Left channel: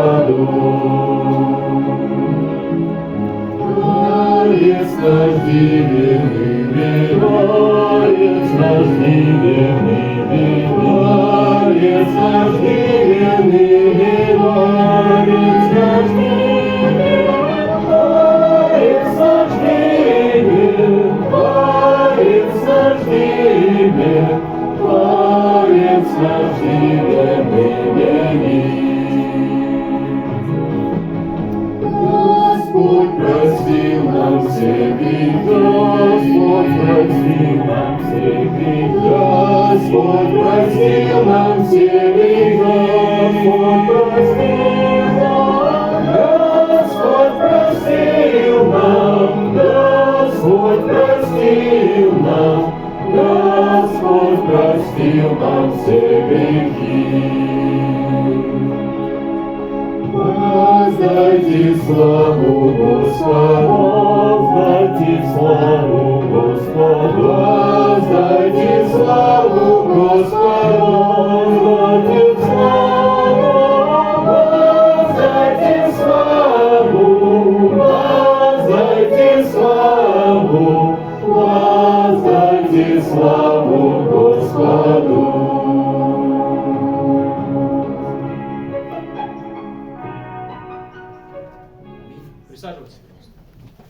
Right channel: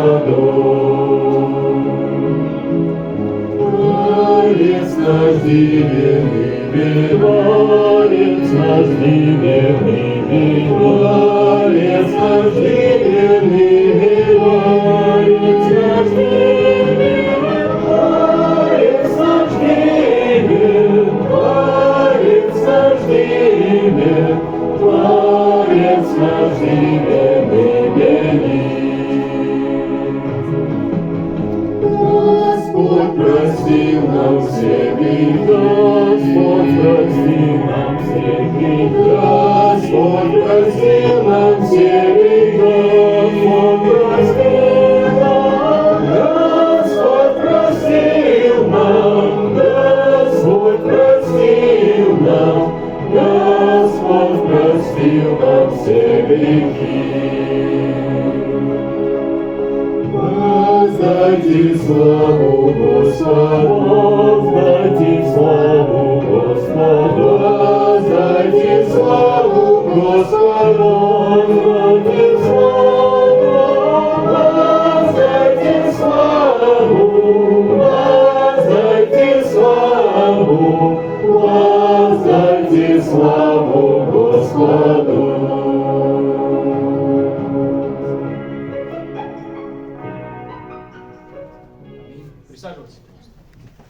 Господу. Творец наш дивный, Творец наш дивный, Творец наш дивный, Творец наш дивный, Творец наш дивный, Творец наш дивный, Творец наш дивный. Господь простил нам все грехи, Господь простил нам все грехи, Господь простил нам все грехи, Господь простил нам, Господь простил нам, Господь простил нам все грехи. Воздайте славу Господу, воздайте славу Господу, воздайте славу Господу, воздайте славу, воздайте славу, воздайте славу, воздайте славу Господу. Присаживайтесь.